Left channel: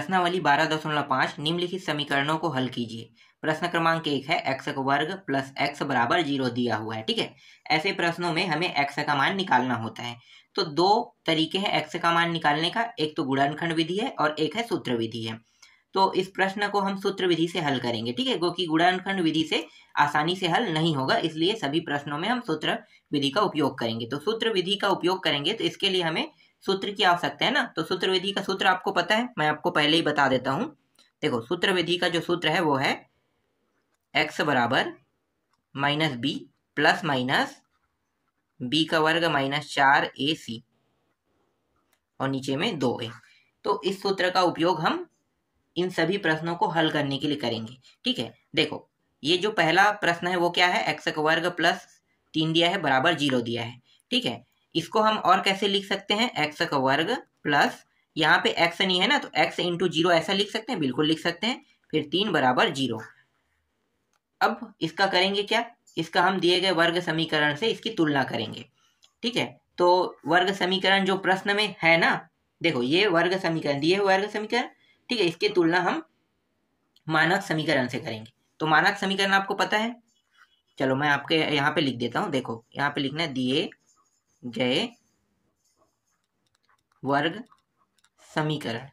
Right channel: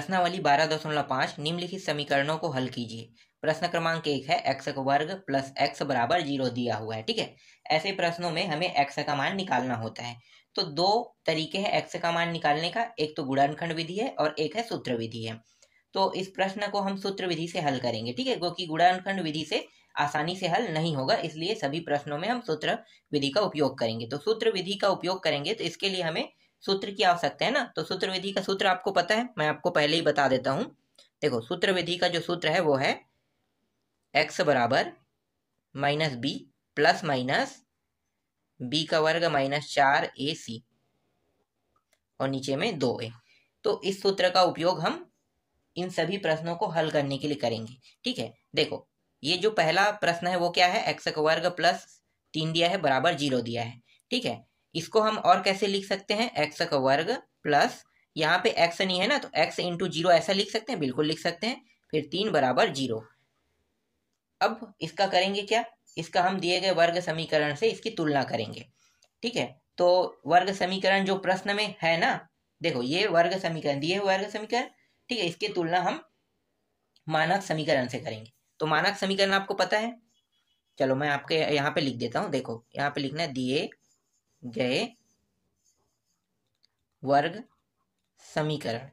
प्रश्नावली 12.5 निम्नलिखित समीकरणों को हल कीजिए। प्रश्न क्रमांक 1 है x वर्ग प्लस x बराबर 0 दिया हुआ है। ठीक है, ऐसे प्रश्नों में हमें x का मान निकालना होता है। तो दो तरीके हैं x का मान निकालने का, एक तो गुणनखंड विधि है और एक है सूत्र विधि है। तो इस प्रश्न को हम सूत्र विधि से हल करेंगे। ठीक है, क्योंकि गुणनखंड विधि से आसानी से हल नहीं होगा, इसलिए सभी प्रश्नों में हम सूत्र विधि का उपयोग करेंगे। तो सूत्र विधि का उपयोग करेंगे तो इसके लिए हमें सूत्र की आवश्यकता है ना। तो सूत्र विधि का सूत्र आपको पता है, मैं आपको पहले ही बता देता हूं। देखो, सूत्र विधि का जो सूत्र है वो है x बराबर minus b plus minus b का वर्ग माइनस 4ac और नीचे में 2a। तो इस सूत्र का उपयोग हम इन सभी प्रश्नों को हल करने के लिए करेंगे। ठीक है, देखो ये जो पहला प्रश्न है वो क्या है, x का वर्ग प्लस 3 दिया है बराबर 0 दिया है। ठीक है, इसको हम और कैसे लिख सकते हैं, x का वर्ग प्लस यहाँ पे x नहीं है ना, तो x इंटू 0 ऐसा लिख सकते हैं, बिल्कुल लिख सकते हैं। फिर 3 बराबर 0। अब इसका करेंगे क्या, इसका हम दिए गए वर्ग समीकरण से इसकी तुलना करेंगे। ठीक है, तो वर्ग समीकरण जो प्रश्न में है ना, देखो ये वर्ग समीकरण दिए हुए वर्ग समीकरण। ठीक है, इसकी तुलना हम मानक समीकरण से करेंगे। तो मानक समीकरण आपको पता है, चलो मैं आपके यहाँ पे लिख देता हूँ। देखो यहाँ पे लिखना है दिए गए वर्ग समीकरण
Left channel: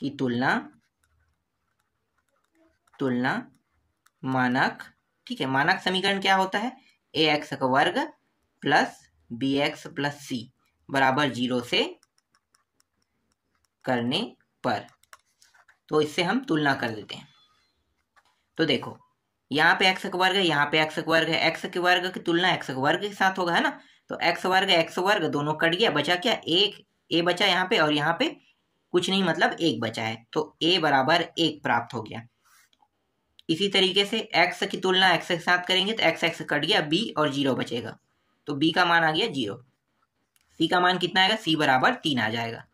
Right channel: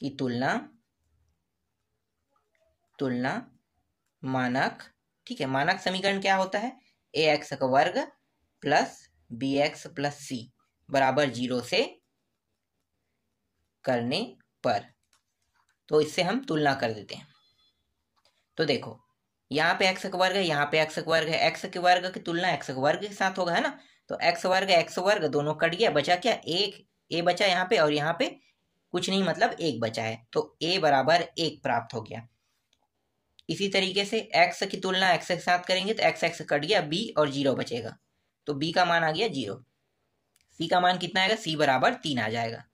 की तुलना मानक। ठीक है, मानक समीकरण क्या होता है, ax का वर्ग प्लस bx प्लस c बराबर 0 से करने पर। तो इससे हम तुलना कर देते हैं। तो देखो यहाँ पे x का वर्ग है, यहाँ पे x का वर्ग है, x के वर्ग की तुलना x के वर्ग के साथ होगा, है ना। तो x वर्ग दोनों कट गया, बचा क्या, एक a बचा यहाँ पे, और यहाँ पे कुछ नहीं, मतलब 1 बचा है। तो a बराबर 1 प्राप्त हो गया। इसी तरीके से x की तुलना x के साथ करेंगे तो x कट गया, b और 0 बचेगा, तो b का मान आ गया 0। c का मान कितना आएगा, c बराबर 3 आ जाएगा।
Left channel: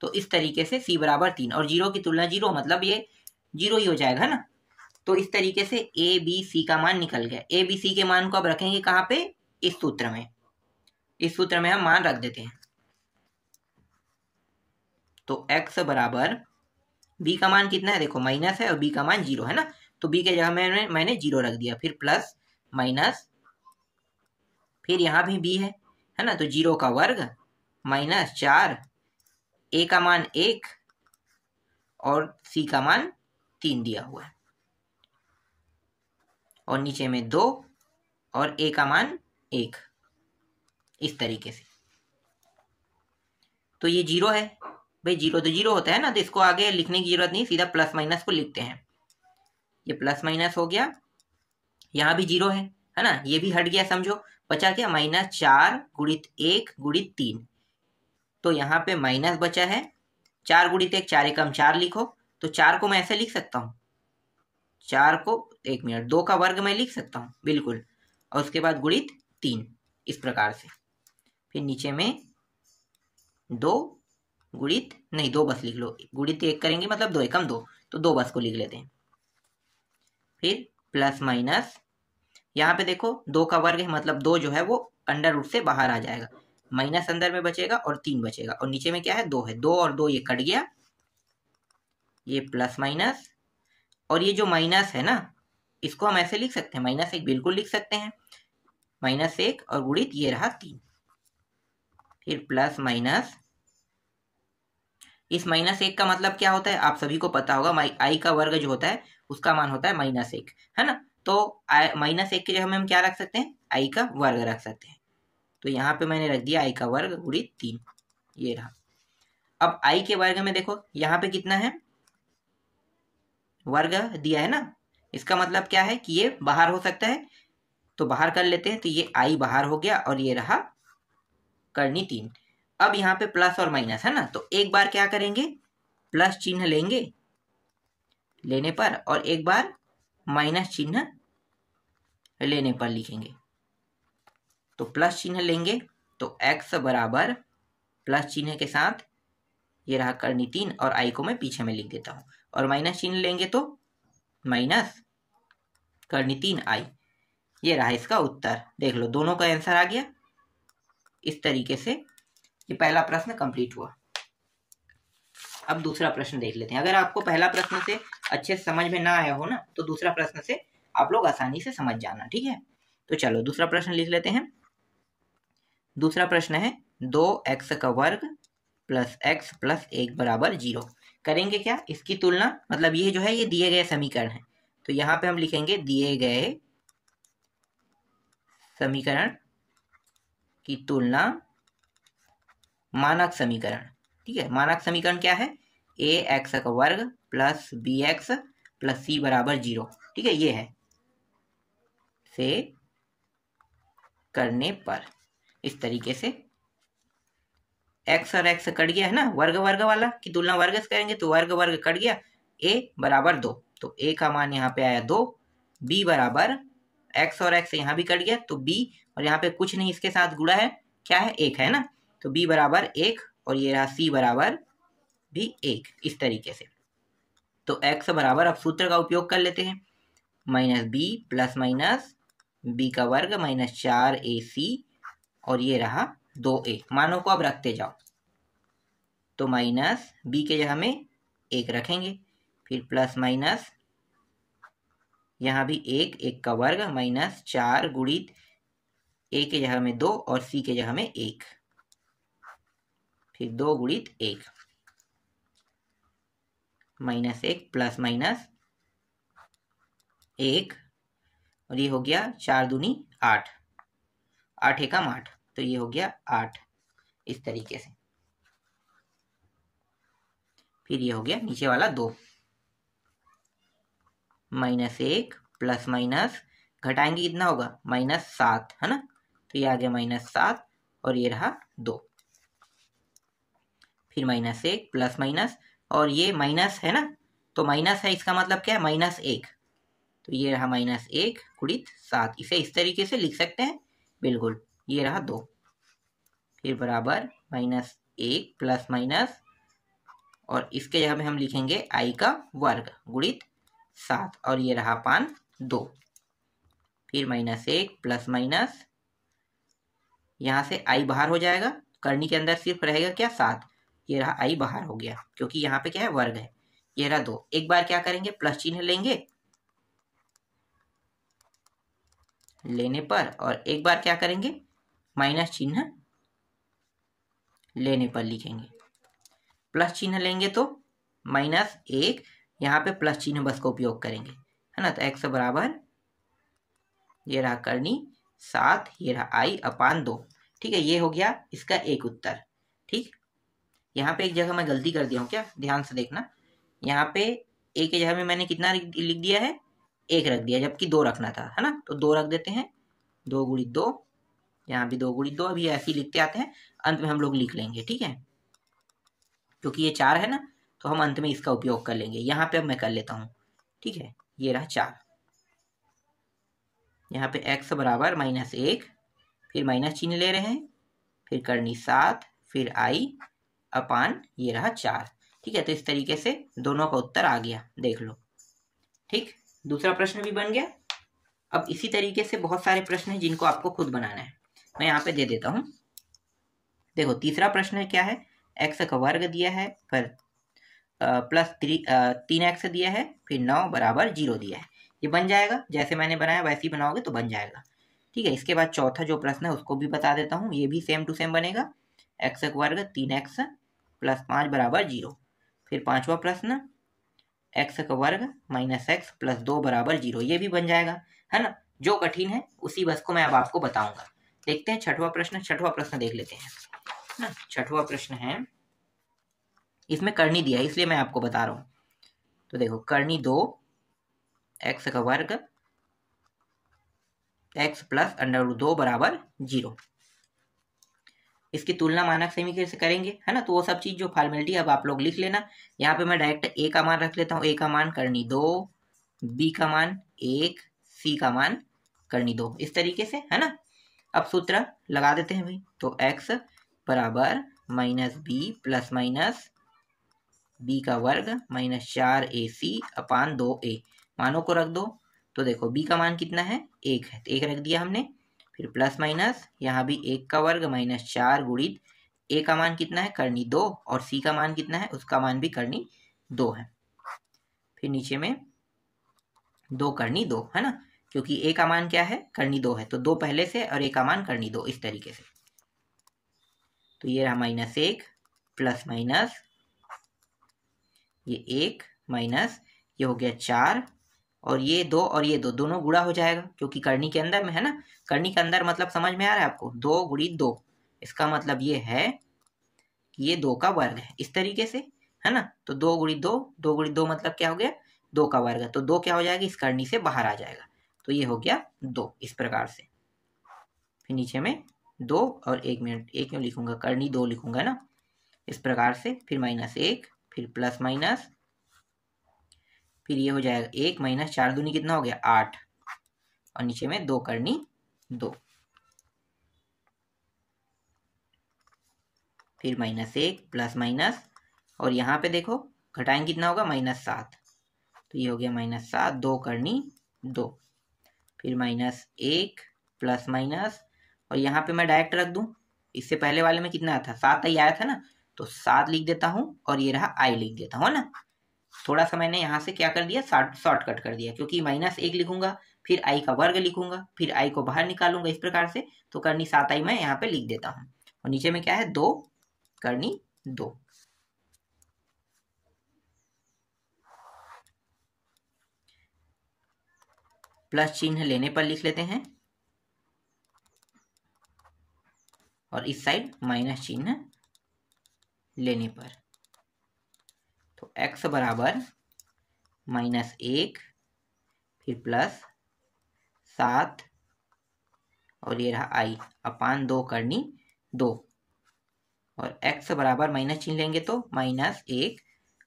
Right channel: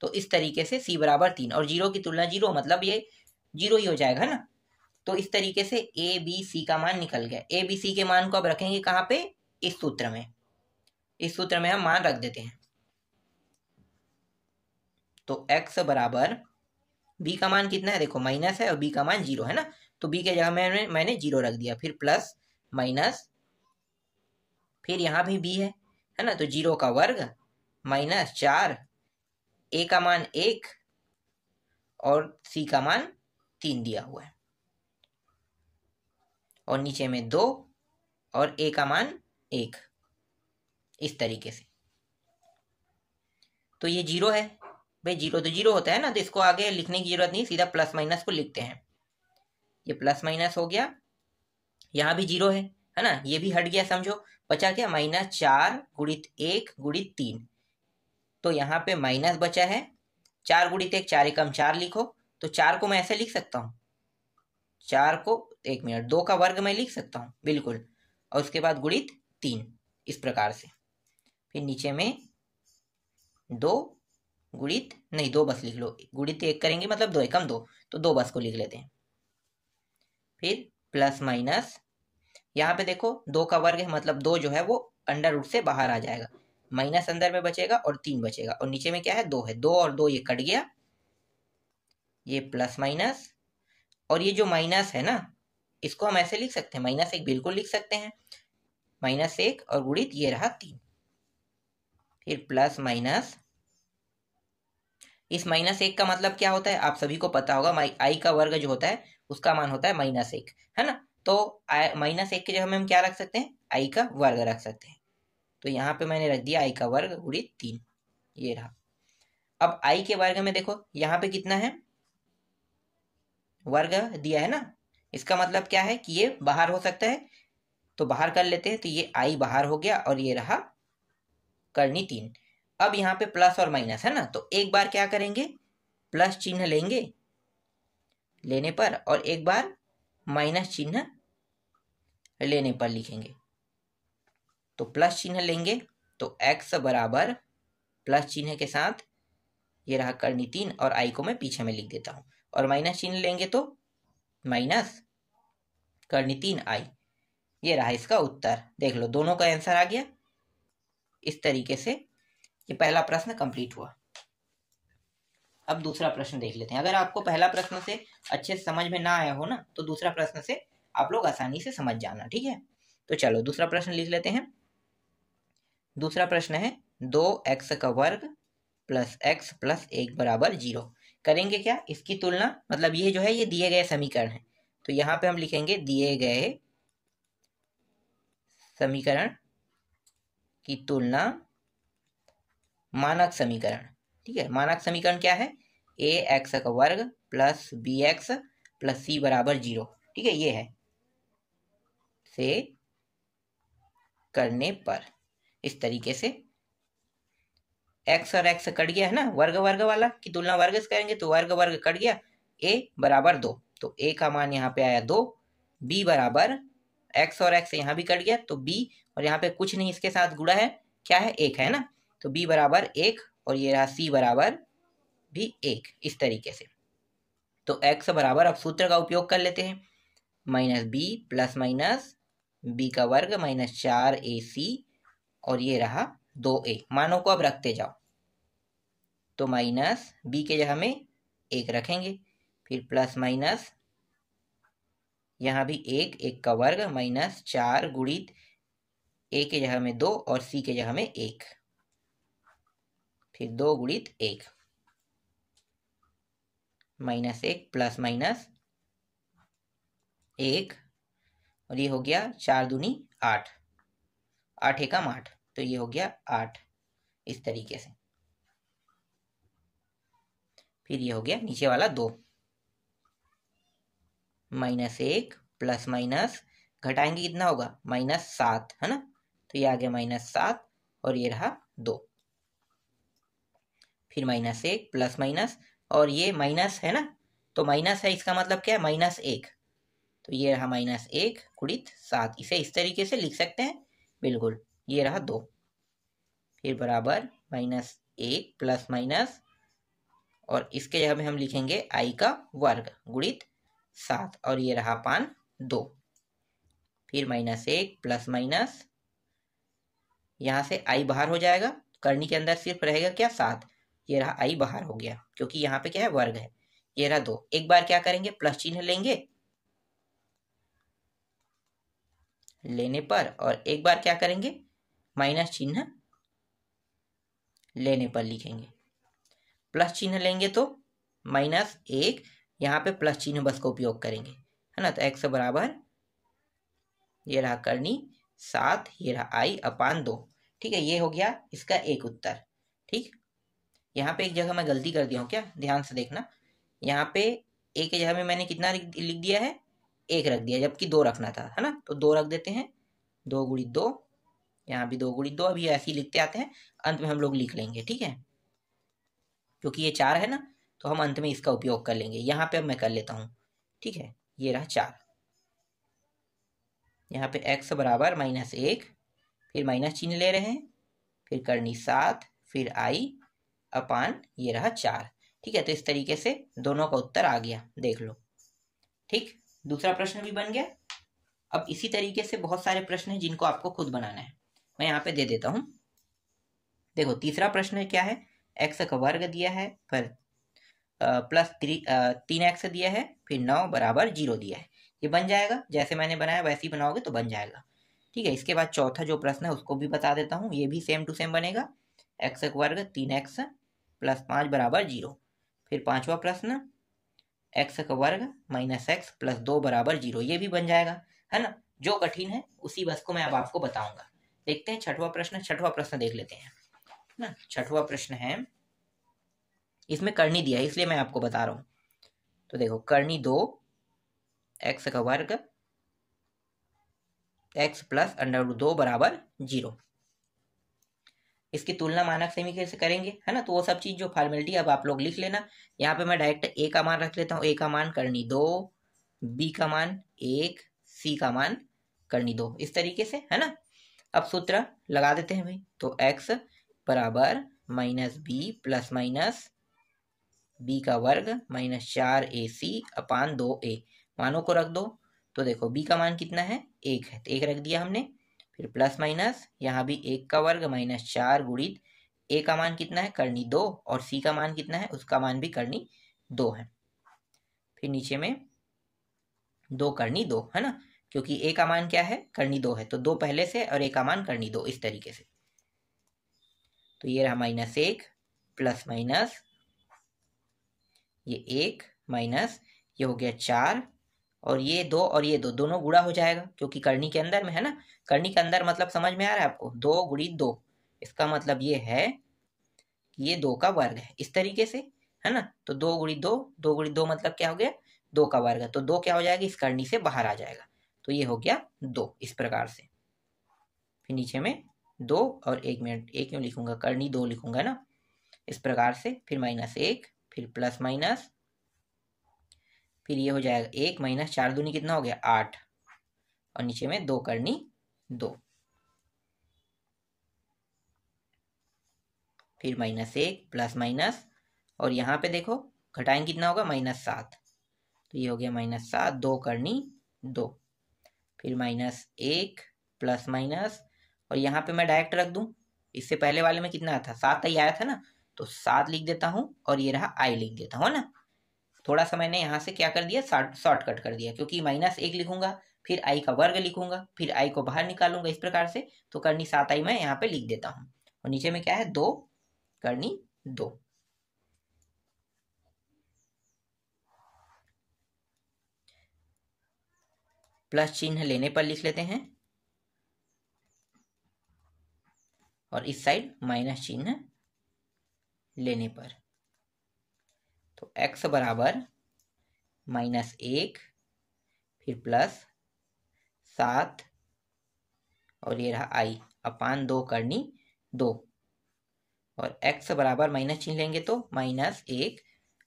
तो इस तरीके से c बराबर 3 और 0 की तुलना 0, मतलब ये 0 ही हो जाएगा ना। तो इस तरीके से a b c का मान निकल गया। a b c के मान को अब रखेंगे कहाँ पे, इस सूत्र में। इस सूत्र में हम मान रख देते हैं। तो x बराबर b का मान कितना है, देखो माइनस है और b का मान 0 है ना, तो b के जगह मैंने 0 रख दिया। फिर प्लस माइनस, फिर यहाँ भी b है ना, तो 0 का वर्ग माइनस 4, a का मान 1 और c का मान 3 दिया हुआ है, और नीचे में 2 और a का मान 1, इस तरीके से। तो ये 0 है भाई, 0 तो 0 होता है ना, तो इसको आगे लिखने की जरूरत नहीं, सीधा प्लस माइनस को लिखते हैं। ये प्लस माइनस हो गया, यहाँ भी 0 है ना, ये भी हट गया, समझो बचा क्या, माइनस 4 गुणित 1 गुणित 3। तो यहाँ पे माइनस बचा है, 4 गुणित 1 4 एकम 4 लिखो। तो 4 को मैं ऐसे लिख सकता हूँ, 4 को 1 मिनट 2 का वर्ग मैं लिख सकता हूँ, बिल्कुल, और उसके बाद गुणित 3, इस प्रकार से। फिर नीचे में 2 गुणित नहीं 2 बस लिख लो, गुणित 1 करेंगे मतलब 2 एकम 2, तो 2 बस को लिख लेते हैं। फिर प्लस माइनस, यहाँ पे देखो 2 का वर्ग है, मतलब 2 जो है वो अंडर रूट से बाहर आ जाएगा, माइनस अंदर में बचेगा और 3 बचेगा, और नीचे में क्या है 2 है, 2 और 2 ये कट गया, ये प्लस माइनस, और ये जो माइनस है ना, इसको हम ऐसे लिख सकते हैं, -1 बिल्कुल लिख सकते हैं, -1 और गुणित ये रहा 3। फिर प्लस माइनस, इस -1 का मतलब क्या होता है आप सभी को पता होगा, i का वर्ग जो होता है उसका मान होता है -1, है ना। तो -1 के जगह में हम क्या रख सकते हैं, i का वर्ग रख सकते हैं। तो यहाँ पे मैंने रख दिया i का वर्ग गुणित 3, ये रहा। अब i के वर्ग में देखो यहाँ पे कितना है, वर्ग दिया है ना, इसका मतलब क्या है कि ये बाहर हो सकता है, तो बाहर कर लेते हैं। तो ये i बाहर हो गया और ये रहा करनी 3। अब यहाँ पे प्लस और माइनस है ना, तो एक बार क्या करेंगे, प्लस चिन्ह लेंगे लेने पर, और एक बार माइनस चिन्ह लेने पर लिखेंगे। तो प्लस चिन्ह लेंगे तो x बराबर प्लस चिन्ह के साथ ये रहा करनी 3, और i को मैं पीछे में लिख देता हूँ, और माइनस चिन्ह लेंगे तो माइनस करनी 3i। ये रहा इसका उत्तर, देख लो दोनों का आंसर आ गया। इस तरीके से ये पहला प्रश्न कंप्लीट हुआ। अब दूसरा प्रश्न देख लेते हैं। अगर आपको पहला प्रश्न से अच्छे से समझ में ना आया हो ना, तो दूसरा प्रश्न से आप लोग आसानी से समझ जाना, ठीक है। तो चलो दूसरा प्रश्न लिख लेते हैं। दूसरा प्रश्न है 2x का वर्ग प्लस x प्लस 1 बराबर 0। करेंगे क्या, इसकी तुलना, मतलब ये जो है ये दिए गए समीकरण है, तो यहाँ पे हम लिखेंगे दिए गए समीकरण की तुलना मानक समीकरण, ठीक है। मानक समीकरण क्या है, ax का वर्ग प्लस bx प्लस c बराबर 0, ठीक है। ये है से करने पर इस तरीके से x और x कट गया है ना, वर्ग वर्ग वाला की तुलना वर्ग से करेंगे तो वर्ग वर्ग कट गया, a बराबर 2, तो a का मान यहाँ पे आया 2, b बराबर x और x यहाँ भी कट गया तो b, और यहाँ पे कुछ नहीं इसके साथ गुणा है, क्या है 1 है ना, तो b बराबर 1 और ये रहा c बराबर भी 1, इस तरीके से। तो x बराबर, अब सूत्र का उपयोग कर लेते हैं, minus b plus minus b का वर्ग माइनस 4ac और ये रहा 2a। मानों को अब रखते जाओ, तो माइनस b के जगह में 1 रखेंगे, फिर प्लस माइनस यहाँ भी 1 का वर्ग माइनस 4 गुणित a के जगह में 2 और c के जगह में 1, फिर 2 गुणित 1 माइनस 1 प्लस माइनस 1 और ये हो गया 4 दूनी 8, 8 एकम 8, तो ये हो गया 8, इस तरीके से। फिर ये हो गया नीचे वाला 2, माइनस 1 प्लस माइनस घटाएंगे कितना होगा माइनस 7, है ना, तो ये आ गया माइनस 7 और ये रहा 2, फिर माइनस 1 प्लस माइनस, और ये माइनस है ना, तो माइनस है इसका मतलब क्या है माइनस 1, तो ये रहा माइनस 1 गुणित 7, इसे इस तरीके से लिख सकते हैं, बिल्कुल। ये रहा 2, फिर बराबर माइनस 1 प्लस माइनस, और इसके जगह में हम लिखेंगे i का वर्ग गुणित 7 और ये रहा पान 2, फिर माइनस 1 प्लस माइनस, यहाँ से i बाहर हो जाएगा, करनी के अंदर सिर्फ रहेगा क्या 7, ये रहा i बाहर हो गया क्योंकि यहाँ पे क्या है वर्ग है, ये रहा 2। एक बार क्या करेंगे प्लस चिन्ह लेंगे लेने पर, और एक बार क्या करेंगे माइनस चिन्ह लेने पर लिखेंगे। प्लस चिन्ह लेंगे तो माइनस 1, यहाँ पे प्लस चिन्ह बस का उपयोग करेंगे, है ना, तो x बराबर ये रहा करनी 7, ये रहा i अपान 2, ठीक है। ये हो गया इसका एक उत्तर, ठीक। यहाँ पे एक जगह मैं गलती कर दिया हूँ, क्या ध्यान से देखना, यहाँ पे a के जगह में मैंने कितना लिख दिया है 1 रख दिया, जबकि 2 रखना था, है ना, तो 2 रख देते हैं, 2 गुणित 2, यहाँ भी 2 गुणित 2, अभी ऐसे ही लिखते आते हैं, अंत में हम लोग लिख लेंगे, ठीक है, क्योंकि ये 4 है ना, तो हम अंत में इसका उपयोग कर लेंगे। यहाँ पे अब मैं कर लेता हूँ, ठीक है, ये रहा 4, यहाँ पे x बराबर माइनस 1, फिर माइनस चिन्ह ले रहे हैं, फिर करनी 7, फिर i अपान ये रहा 4, ठीक है। तो इस तरीके से दोनों का उत्तर आ गया, देख लो, ठीक। दूसरा प्रश्न भी बन गया। अब इसी तरीके से बहुत सारे प्रश्न हैं जिनको आपको खुद बनाना है, मैं यहाँ पे दे देता हूँ। देखो तीसरा प्रश्न है, क्या है, x का वर्ग दिया है, फिर प्लस 3x दिया है, फिर 9 बराबर 0 दिया है। ये बन जाएगा, जैसे मैंने बनाया वैसे ही बनाओगे तो बन जाएगा, ठीक है। इसके बाद चौथा जो प्रश्न है उसको भी बता देता हूँ, ये भी सेम टू सेम बनेगा, x का वर्ग 3x प्लस 5 बराबर 0। फिर पांचवा प्रश्न x का वर्ग माइनस x प्लस 2 बराबर 0, ये भी बन जाएगा, है ना। जो कठिन है उसी बस को मैं अब आपको बताऊंगा। देखते हैं छठवां प्रश्न देख लेते हैं ना। छठवां प्रश्न है, इसमें करनी दिया है इसलिए मैं आपको बता रहा हूं। तो देखो करनी 2 x का वर्ग x प्लस √2 बराबर 0, इसकी तुलना मानक समीकरण से करेंगे, है ना, तो वो सब चीज जो फॉर्मेलिटी अब आप लोग लिख लेना। यहाँ पे मैं डायरेक्ट a का मान रख लेता हूँ, a का मान करनी 2, b का मान 1, c का मान करनी 2, इस तरीके से, है ना। अब सूत्र लगा देते हैं भाई, तो x बराबर minus b plus minus b का वर्ग माइनस 4ac अपान 2a, मानों को रख दो, तो देखो b का मान कितना है 1 है, तो 1 रख दिया हमने, फिर प्लस माइनस यहाँ भी 1 का वर्ग माइनस 4 गुणित ए का मान कितना है, करनी 2, और सी का मान कितना है, उसका मान भी करनी 2 है। फिर नीचे में 2 करनी 2 है ना, क्योंकि ए का मान क्या है, करनी 2 है, तो 2 पहले से और ए का मान करनी 2, इस तरीके से। तो ये रहा -1 प्लस माइनस ये 1 माइनस ये हो गया 4, और ये 2 और ये 2 दोनों गुणा हो जाएगा, क्योंकि करनी के अंदर में है ना। करनी के अंदर मतलब समझ में आ रहा है आपको, 2 गुणी 2, इसका मतलब ये है कि ये 2 का वर्ग है, इस तरीके से है ना। तो 2 गुणी 2, 2 गुणी 2 मतलब क्या हो गया, 2 का वर्ग। तो 2 क्या हो जाएगा, इस करनी से बाहर आ जाएगा, तो ये हो गया 2, इस प्रकार से। फिर नीचे में 2 और 1 मिनट 1 क्यों लिखूंगा, करनी 2 लिखूंगा ना, इस प्रकार से। फिर -1, फिर प्लस माइनस, फिर ये हो जाएगा 1 माइनस 4 दूनी कितना हो गया 8, और नीचे में 2 करनी 2, फिर -1 प्लस माइनस, और यहाँ पे देखो घटाएंगे कितना होगा -7, तो ये हो गया -7, 2 करनी 2, फिर -1 प्लस माइनस, और यहाँ पे मैं डायरेक्ट रख दूं, इससे पहले वाले में कितना था 7 ही आया था ना, तो 7 लिख देता हूँ, और ये रहा आई लिख देता हूँ ना। थोड़ा सा मैंने यहाँ से क्या कर दिया, शॉर्टकट कर दिया, क्योंकि -1 लिखूंगा, फिर आई का वर्ग लिखूंगा, फिर आई को बाहर निकालूंगा इस प्रकार से, तो करनी 7 आई मैं यहाँ पे लिख देता हूँ, और नीचे में क्या है 2 करनी 2। प्लस चिन्ह लेने पर लिख लेते हैं, और इस साइड माइनस चिन्ह लेने पर। तो x बराबर -1 फिर प्लस 7, और ये रहा i अपान 2 करनी 2, और x बराबर माइनस चिन्ह लेंगे तो -1,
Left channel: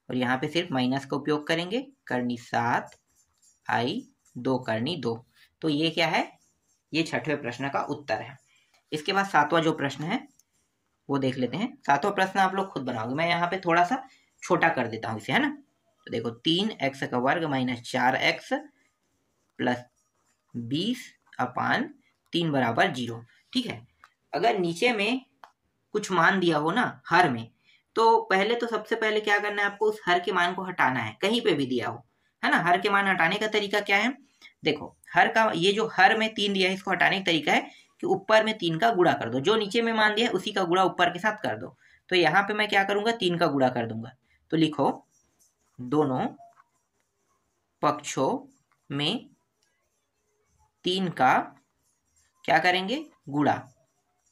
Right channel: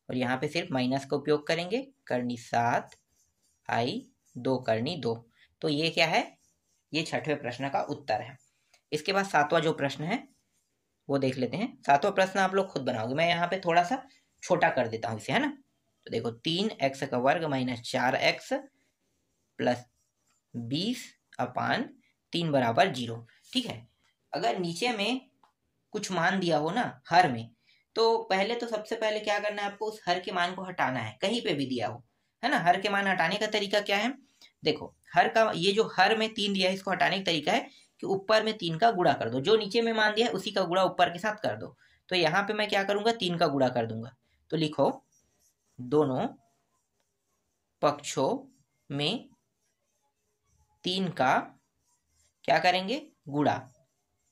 और यहाँ पे सिर्फ माइनस का उपयोग करेंगे, करनी 7 i 2 करनी 2। तो ये क्या है, ये छठवें प्रश्न का उत्तर है। इसके बाद सातवां जो प्रश्न है वो देख लेते हैं। सातवां प्रश्न आप लोग खुद बनाओगे, मैं यहाँ पे थोड़ा सा छोटा कर देता हूँ इसे, है ना। तो देखो 3x का वर्ग -4x प्लस 20 अपान 3 बराबर 0। ठीक है, अगर नीचे में कुछ मान दिया हो ना हर में, तो पहले तो सबसे पहले क्या करना है आपको, उस हर के मान को हटाना है, कहीं पे भी दिया हो, है ना। हर के मान हटाने का तरीका क्या है, देखो हर का, ये जो हर में 3 दिया है, इसको हटाने का तरीका है कि ऊपर में 3 का गुणा कर दो, जो नीचे में मान दिया है उसी का गुणा ऊपर के साथ कर दो। तो यहाँ पे मैं क्या करूंगा, 3 का गुणा कर दूंगा। तो लिखो दोनों पक्षों में 3 का क्या करेंगे, गुणा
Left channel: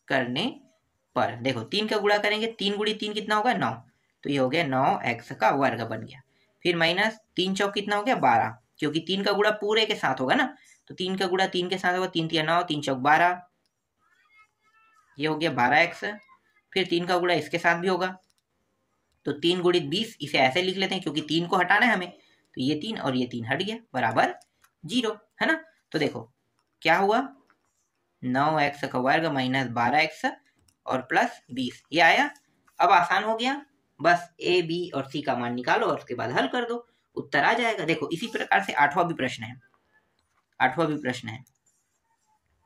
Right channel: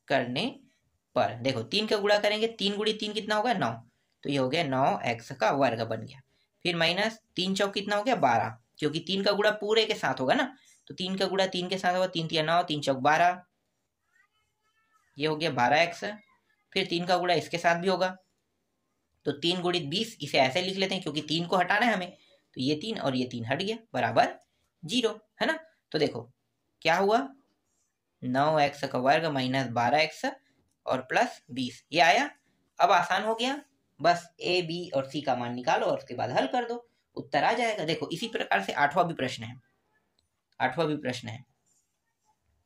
करने पर। देखो 3 का गुणा करेंगे, 3 गुणी 3 कितना होगा 9, तो ये हो गया 9x का वर्ग बन गया। फिर माइनस 3 चौक कितना हो गया 12, क्योंकि 3 का गुणा पूरे के साथ होगा ना, तो 3 का गुणा 3 के साथ होगा, 3 3 9, 3 चौक 12, ये हो गया 12x। फिर 3 का गुणा इसके साथ भी होगा, तो 3 गुणित 20, इसे ऐसे लिख लेते हैं क्योंकि 3 को हटाना है हमें, तो ये 3 और ये 3 हट गया, बराबर 0, है ना। तो देखो क्या हुआ, 9x का वर्ग माइनस 12x और प्लस 20, ये आया। अब आसान हो गया, बस a b और c का मान निकालो और उसके बाद हल कर दो, उत्तर आ जाएगा। देखो इसी प्रकार से आठवां भी प्रश्न है,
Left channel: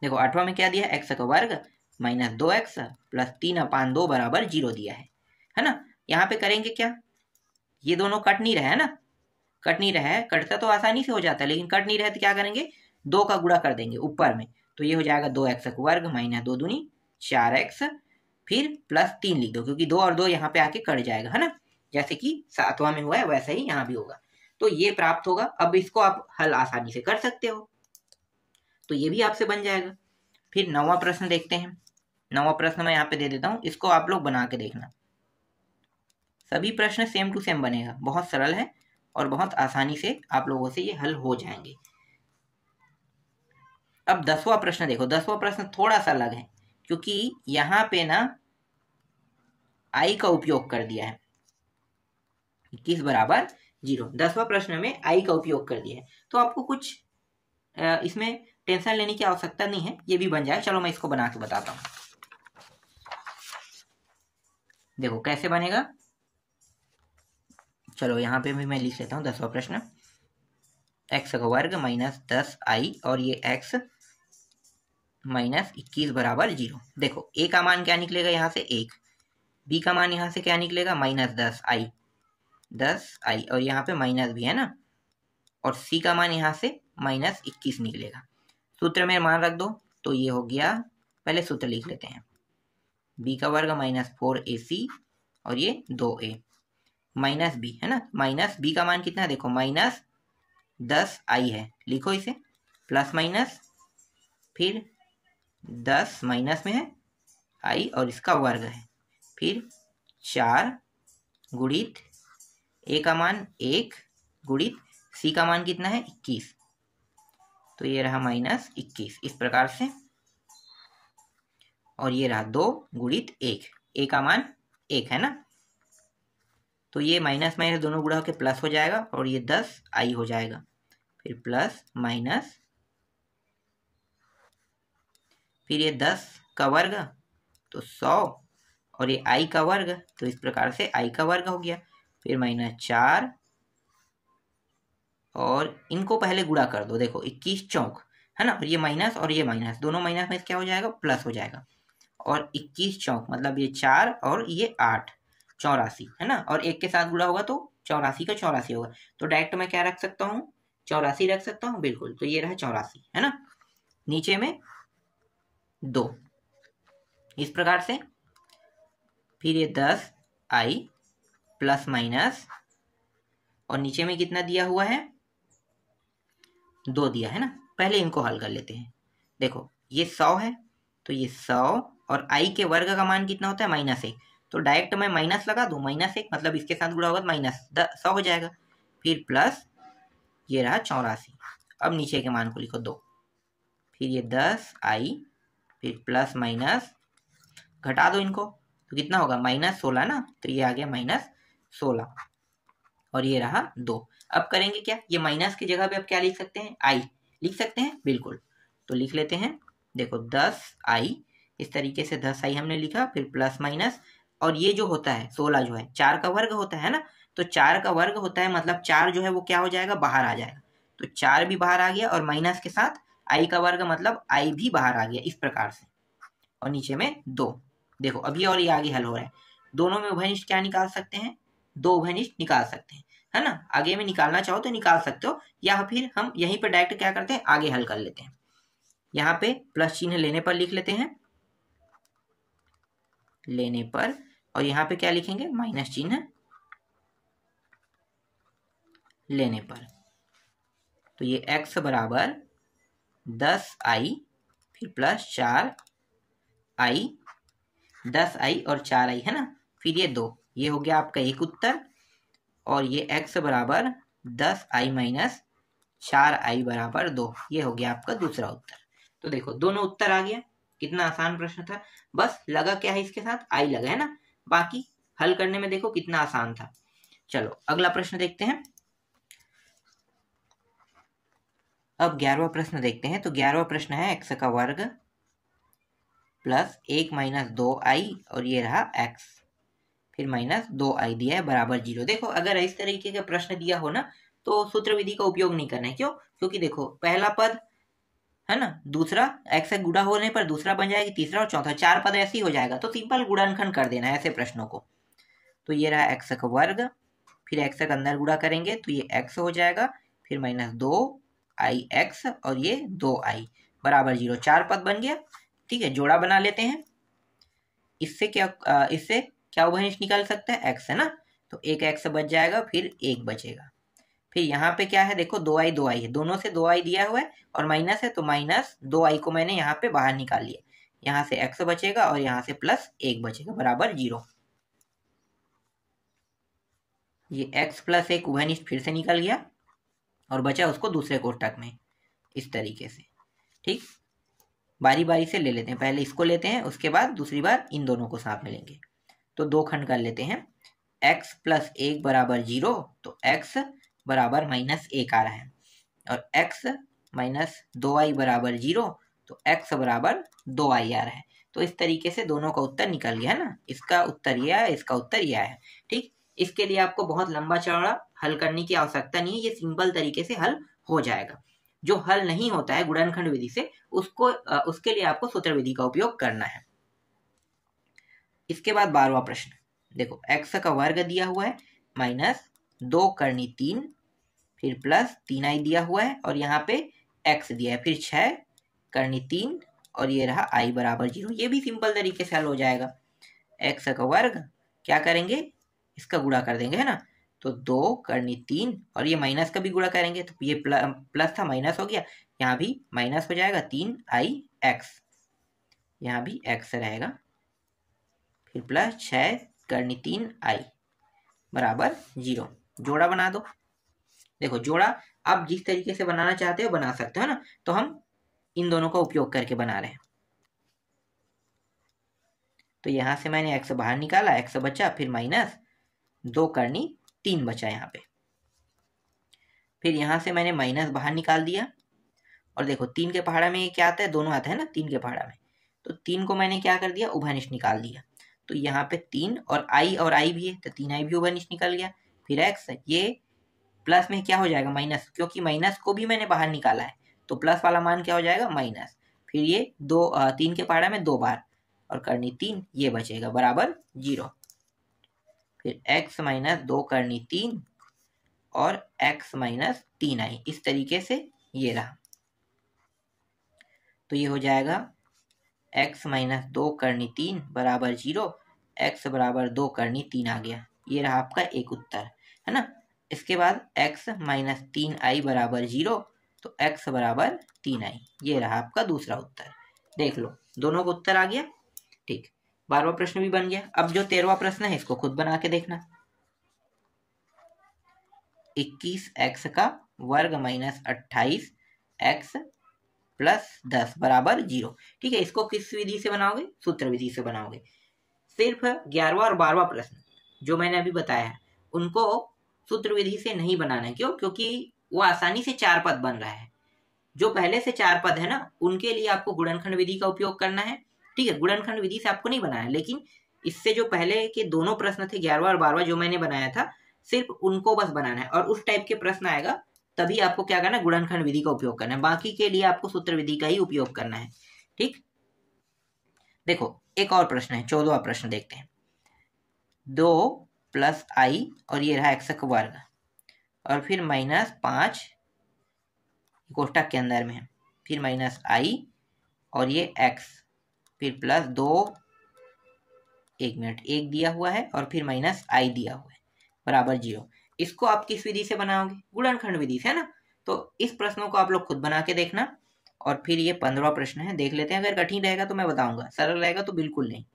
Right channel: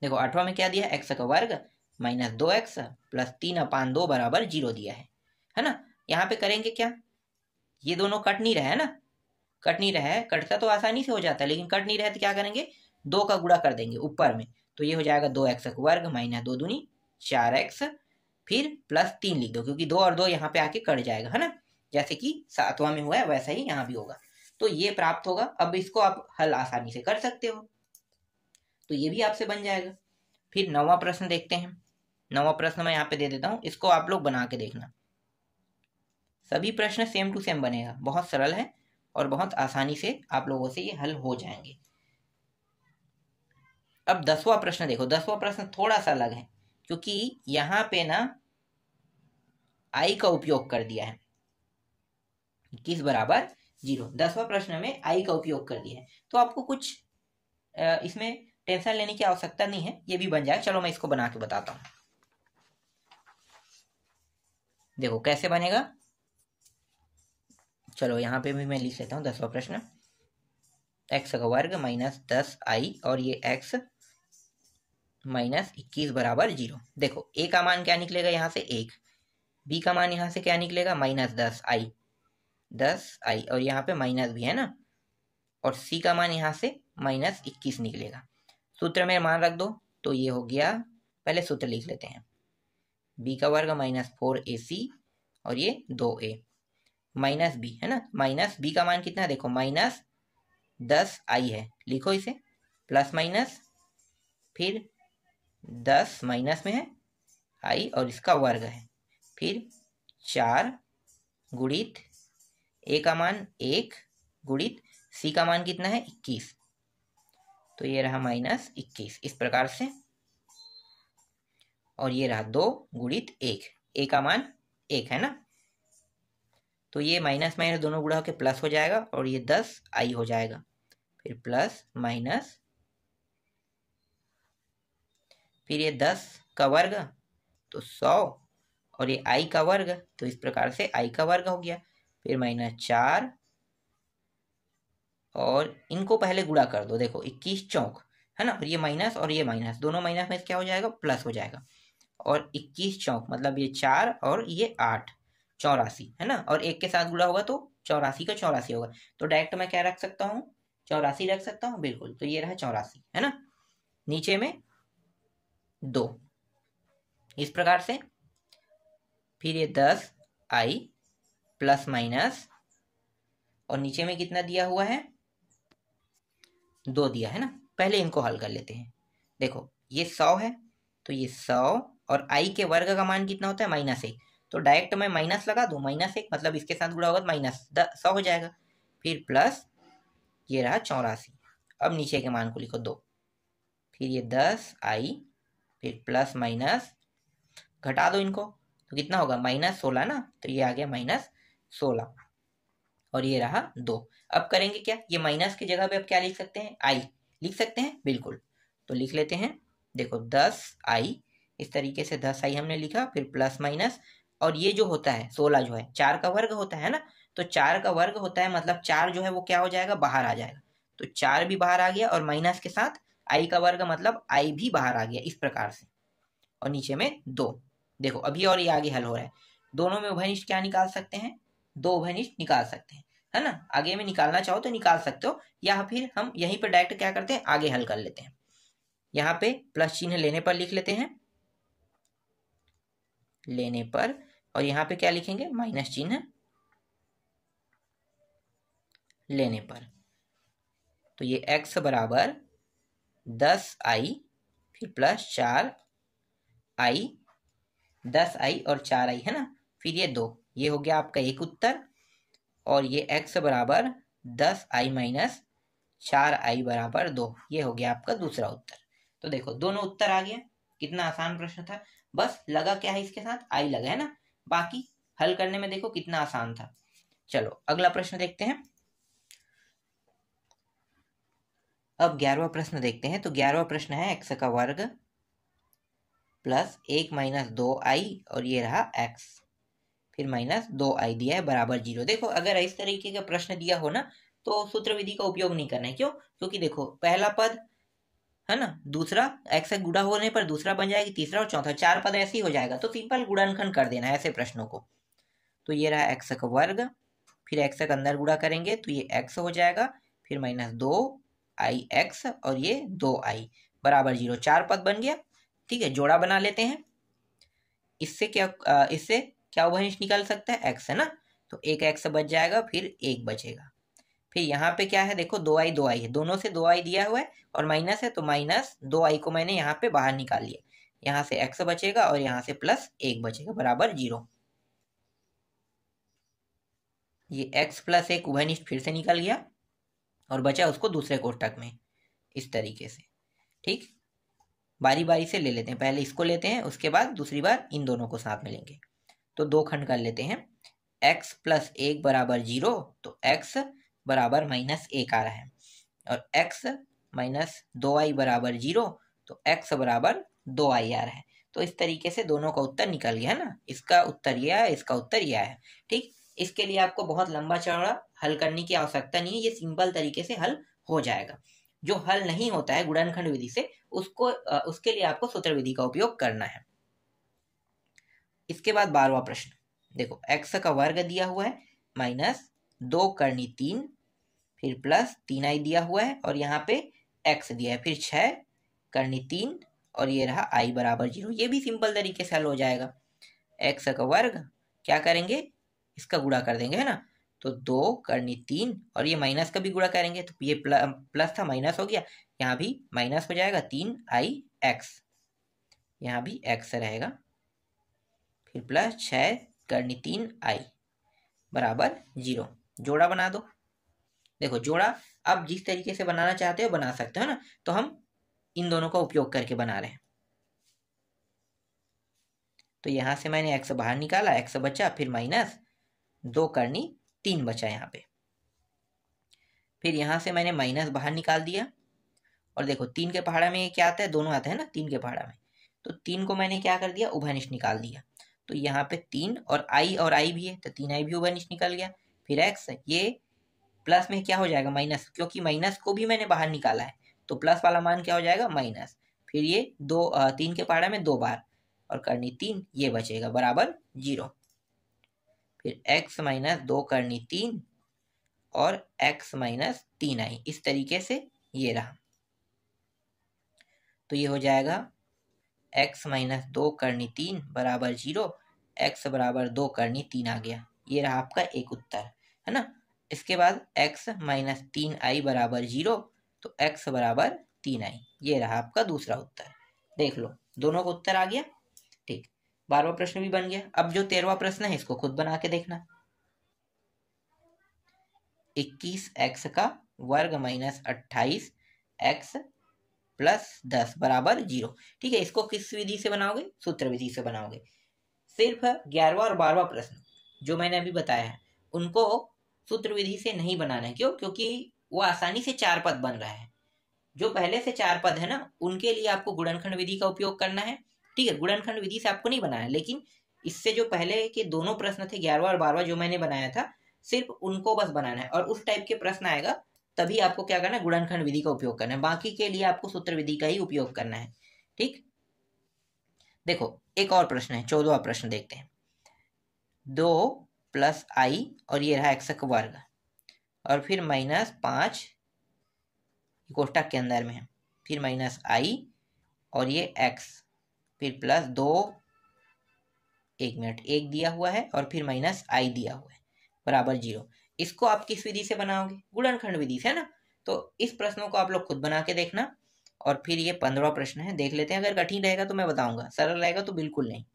देखो आठवां में क्या दिया है, x का वर्ग -2x प्लस 3 अपान 2 बराबर 0 दिया है ना। यहाँ पे करेंगे क्या, ये दोनों कट नहीं रहा है ना, कट नहीं रहा है, कटता तो आसानी से हो जाता है, लेकिन कट नहीं रहा तो क्या करेंगे, 2 का गुणा कर देंगे ऊपर में, तो ये हो जाएगा 2x का वर्ग -2 दूनी 4x, फिर प्लस 3 लिख दो, क्योंकि 2 और 2 यहाँ पे आके कट जाएगा, है ना। जैसे कि सातवां में हुआ है वैसा ही यहाँ भी होगा, तो ये प्राप्त होगा। अब इसको आप हल आसानी से कर सकते हो, तो ये भी आपसे बन जाएगा। फिर 9वां प्रश्न देखते हैं। 9वां प्रश्न मैं यहाँ पे दे देता हूँ, इसको आप लोग बना के देखना। सभी प्रश्न सेम टू सेम बनेगा, बहुत सरल है और बहुत आसानी से आप लोगों से ये हल हो जाएंगे। अब 10वां प्रश्न देखो, 10वां प्रश्न थोड़ा सा अलग है, क्योंकि यहाँ पे ना आई का उपयोग कर दिया है, किस बराबर 0। 10वां प्रश्न में आई का उपयोग कर दिया है, तो आपको कुछ इसमें टेंशन लेने की आवश्यकता नहीं है, ये भी बन जाए। चलो मैं इसको बना के बताता हूँ, देखो कैसे बनेगा। चलो यहाँ पे भी मैं लिख लेता हूँ 10वां प्रश्न, x का वर्ग -10i और ये x -21 बराबर 0। देखो a का मान क्या निकलेगा, यहाँ से 1, बी का मान यहाँ से क्या निकलेगा, -10i, 10i, और यहाँ पे माइनस भी है ना, और सी का मान यहाँ से -21 निकलेगा। सूत्र में मान रख दो तो ये हो गया, पहले सूत्र लिख लेते हैं, बी का वर्ग -4ac और ये 2a माइनस बी है ना, माइनस बी का मान कितना है देखो -10i है, लिखो इसे प्लस माइनस, फिर 10 माइनस में है i और इसका वर्ग है, फिर 4 गुणित a का मान 1 गुणित c का मान कितना है 21, तो ये रहा -21 इस प्रकार से, और ये रहा 2 गुणित 1, a का मान 1 है ना, तो ये माइनस माइनस दोनों गुणा होकर प्लस हो जाएगा और ये 10i हो जाएगा, फिर प्लस माइनस, फिर ये 10 का वर्ग तो 100 और ये i का वर्ग, तो इस प्रकार से i का वर्ग हो गया, फिर -4 और इनको पहले गुणा कर दो, देखो 21 चौक है ना, और ये माइनस दोनों माइनस में क्या हो जाएगा, प्लस हो जाएगा, और 21 चौक मतलब ये 4 और ये 8 84 है ना, और 1 के साथ गुणा होगा तो 84 का 84 होगा, तो डायरेक्ट मैं क्या रख सकता हूँ, 84 रख सकता हूँ, बिल्कुल, तो ये रहा 84 है ना, नीचे में 2 इस प्रकार से, फिर ये 10i प्लस माइनस, और नीचे में कितना दिया हुआ है 2 दिया है ना, पहले इनको हल कर लेते हैं, देखो ये 100 है तो ये 100 और i के वर्ग का मान कितना होता है -1, तो डायरेक्ट मैं माइनस लगा दूं, -1 मतलब इसके साथ गुणा होगा तो -100 हो जाएगा, फिर प्लस ये रहा 84, अब नीचे के मान को लिखो 2, फिर ये 10i, फिर प्लस माइनस, घटा दो इनको तो कितना होगा -16 ना, तो ये आ गया -16 और ये रहा 2। अब करेंगे क्या, ये माइनस की जगह पे अब क्या लिख सकते हैं, i लिख सकते हैं, बिल्कुल, तो लिख लेते हैं, देखो 10i, इस तरीके से 10i हमने लिखा, फिर प्लस माइनस, और ये जो होता है 16 जो है 4 का वर्ग होता है ना, तो 4 का वर्ग होता है मतलब 4 जो है वो क्या हो जाएगा, बाहर आ जाएगा, तो 4 भी बाहर आ गया, और माइनस के साथ i का वर्ग मतलब i भी बाहर आ गया इस प्रकार से, और नीचे में 2, देखो अभी और ये आगे हल हो रहा है, दोनों में उभयनिष्ठ क्या निकाल सकते हैं, 2 उभयनिष्ठ निकाल सकते हैं है ना, आगे में निकालना चाहो तो निकाल सकते हो, या फिर हम यहीं पर डायरेक्ट क्या करते हैं, आगे हल कर लेते हैं, यहाँ पे प्लस चिन्ह लेने पर लिख लेते हैं, लेने पर, और यहाँ पे क्या लिखेंगे, माइनस चिन्ह लेने पर, तो ये x बराबर 10i फिर प्लस 4i, 10i और 4i है ना, फिर ये 2, ये हो गया आपका एक उत्तर, और ये x बराबर 10i माइनस 4i बराबर 2, ये हो गया आपका दूसरा उत्तर। तो देखो दोनों उत्तर आ गया, कितना आसान प्रश्न था, बस लगा क्या है इसके साथ, i लगा है ना, बाकी हल करने में देखो कितना आसान था। चलो अगला प्रश्न देखते हैं, अब 11वां प्रश्न देखते हैं, तो 11वां प्रश्न है x का वर्ग प्लस 1 माइनस 2i और ये रहा x, फिर माइनस 2i दिया है बराबर 0। देखो अगर इस तरीके का प्रश्न दिया हो ना तो सूत्र विधि का उपयोग नहीं करना है, क्यों, क्योंकि देखो पहला पद है ना, दूसरा x से गुणा होने पर दूसरा बन जाएगा, तीसरा और चौथा 4 पद ऐसे ही हो जाएगा, तो सिंपल गुणनखंड कर देना है ऐसे प्रश्नों को। तो ये रहा x का वर्ग, फिर x के अंदर गुणा करेंगे तो ये x हो जाएगा, फिर माइनस 2ix और ये 2i बराबर 0, 4 पद बन गया। ठीक है, जोड़ा बना लेते हैं, इससे क्या उभयनिष्ठ निकाल सकते हैं, x है ना, तो एक x बच जाएगा, फिर 1 बचेगा, फिर यहाँ पे क्या है देखो 2i है, दोनों से 2i दिया हुआ है और माइनस है, तो माइनस 2i को मैंने यहाँ पे बाहर निकाल लिया, यहाँ से x बचेगा और यहाँ से प्लस 1 बचेगा बराबर 0। ये x प्लस 1 उभयनिष्ठ फिर से निकल गया और बचा उसको दूसरे कोष्ठक में इस तरीके से। ठीक, बारी बारी से ले लेते हैं, पहले इसको लेते हैं, उसके बाद दूसरी बार इन दोनों को साथ में लेंगे, तो 2 खंड कर लेते हैं, x प्लस 1 बराबर 0, तो x बराबर -1 आ रहा है, और x माइनस 2i बराबर 0, तो x बराबर 2i आ रहा है। तो इस तरीके से दोनों का उत्तर निकल गया है ना, इसका उत्तर यह है, इसका उत्तर यह है। ठीक, इसके लिए आपको बहुत लंबा चौड़ा हल करने की आवश्यकता नहीं है, ये सिंपल तरीके से हल हो जाएगा। जो हल नहीं होता है गुणनखंड विधि से उसके लिए आपको सूत्र विधि का उपयोग करना है। इसके बाद 12वां प्रश्न देखो, x का वर्ग दिया हुआ है माइनस 2 करनी 3 फिर प्लस 3i दिया हुआ है और यहाँ पे x दिया है, फिर 6 करनी 3 और ये रहा i बराबर 0। ये भी सिंपल तरीके से हल हो जाएगा। x का वर्ग क्या करेंगे, इसका गुणा कर देंगे, है ना। तो 2 करनी 3 और ये माइनस का भी गुणा करेंगे, तो ये प्लस था माइनस हो गया, यहाँ भी माइनस हो जाएगा 3ix, यहाँ भी x रहेगा, फिर प्लस 6 करनी 3i बराबर 0। जोड़ा बना दो। देखो जोड़ा आप जिस तरीके से बनाना चाहते हो बना सकते हो ना, तो हम इन दोनों का उपयोग करके बना रहे हैं। तो यहां से मैंने x बाहर निकाला, x बचा, फिर माइनस 2 करनी 3 बचा यहाँ पे, फिर यहां से मैंने माइनस बाहर निकाल दिया और देखो 3 के पहाड़ा में क्या आता है, दोनों आता है ना 3 के पहाड़ा में, तो 3 को मैंने क्या कर दिया, उभयनिष्ठ निकाल दिया। तो यहाँ पे 3 और i भी है, तो 3i भी उभयनिष्ठ निकल गया। फिर x, ये प्लस में क्या हो जाएगा, माइनस, क्योंकि माइनस को भी मैंने बाहर निकाला है, तो प्लस वाला मान क्या हो जाएगा, माइनस। फिर ये 3 के पहाड़ा में 2 बार और करनी 3, ये बचेगा बराबर 0। फिर x माइनस 2 करनी 3 और x माइनस 3i, इस तरीके से ये रहा। तो ये हो जाएगा x माइनस 2 करनी 3 बराबर 0, x बराबर 2 करनी 3 आ गया। ये रहा आपका एक उत्तर, है ना। इसके बाद x माइनस 3i बराबर 0, तो x बराबर 3i, ये रहा आपका दूसरा उत्तर। देख लो दोनों का उत्तर आ गया। ठीक, 12वां प्रश्न भी बन गया। अब जो 13वां प्रश्न है इसको खुद बना के देखना। 21x का वर्ग माइनस 28x प्लस 10 बराबर 0। ठीक है, इसको किस विधि से बनाओगे, सूत्र विधि से बनाओगे। सिर्फ 11वां और 12वां प्रश्न जो मैंने अभी बताया है उनको सूत्र विधि से नहीं बनाना है। क्यों, क्योंकि वो आसानी से 4 पद बन रहा है। जो पहले से 4 पद है ना, उनके लिए आपको गुणनखंड विधि का उपयोग करना है। ठीक है, गुणनखंड विधि से आपको नहीं बनाना है, लेकिन इससे जो पहले के दोनों प्रश्न थे 11वां और 12वां जो मैंने बनाया था, सिर्फ उनको बस बनाना है। और उस टाइप के प्रश्न आएगा तभी आपको क्या करना है, गुणनखंड विधि का उपयोग करना है। बाकी के लिए आपको सूत्र विधि का ही उपयोग करना है। ठीक, देखो एक और प्रश्न है, 14वां प्रश्न देखते हैं। 2 प्लस i और ये रहा x का वर्ग और फिर माइनस 5 कोष्टक के अंदर में है, फिर माइनस i और ये x, फिर प्लस 2, 1 दिया हुआ है और फिर माइनस i दिया हुआ है बराबर 0। इसको आप किस विधि से बनाओगे, गुणनखंड विधि से, है ना। तो इस प्रश्नों को आप लोग खुद बना के देखना। और फिर ये 15वां प्रश्न है, देख लेते हैं। अगर कठिन रहेगा तो मैं बताऊंगा, सरल रहेगा तो बिल्कुल नहीं।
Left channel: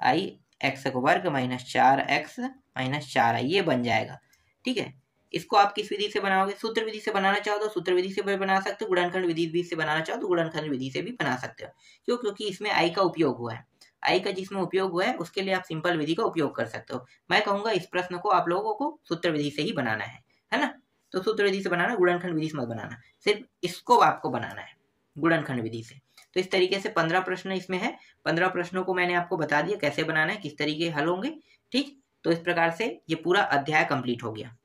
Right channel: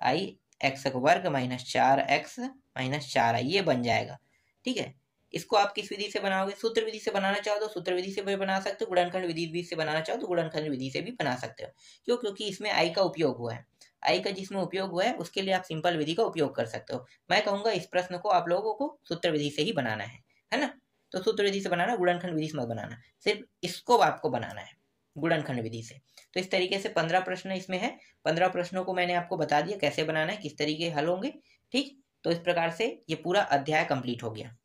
i x का वर्ग माइनस 4x माइनस 4i, ये बन जाएगा। ठीक है, इसको आप किस विधि से बनाओगे, सूत्र विधि से बनाना चाहो तो सूत्र विधि से भी बना सकते हो, गुणनखंड विधि से बनाना चाहो तो गुणनखंड विधि से भी बना सकते हो। क्यों, क्योंकि इसमें i का उपयोग हुआ है। i का जिसमें उपयोग हुआ है उसके लिए आप सिंपल विधि का उपयोग कर सकते हो। मैं कहूंगा इस प्रश्न को आप लोगों को सूत्र विधि से ही बनाना है ना। तो सूत्र विधि से बनाना, गुणनखंड विधि से मत बनाना, सिर्फ इसको आपको बनाना है गुणनखंड विधि से। तो इस तरीके से 15 प्रश्न इसमें है। 15 प्रश्नों को मैंने आपको बता दिया कैसे बनाना है, किस तरीके हल होंगे। ठीक, तो इस प्रकार से ये पूरा अध्याय कंप्लीट हो गया।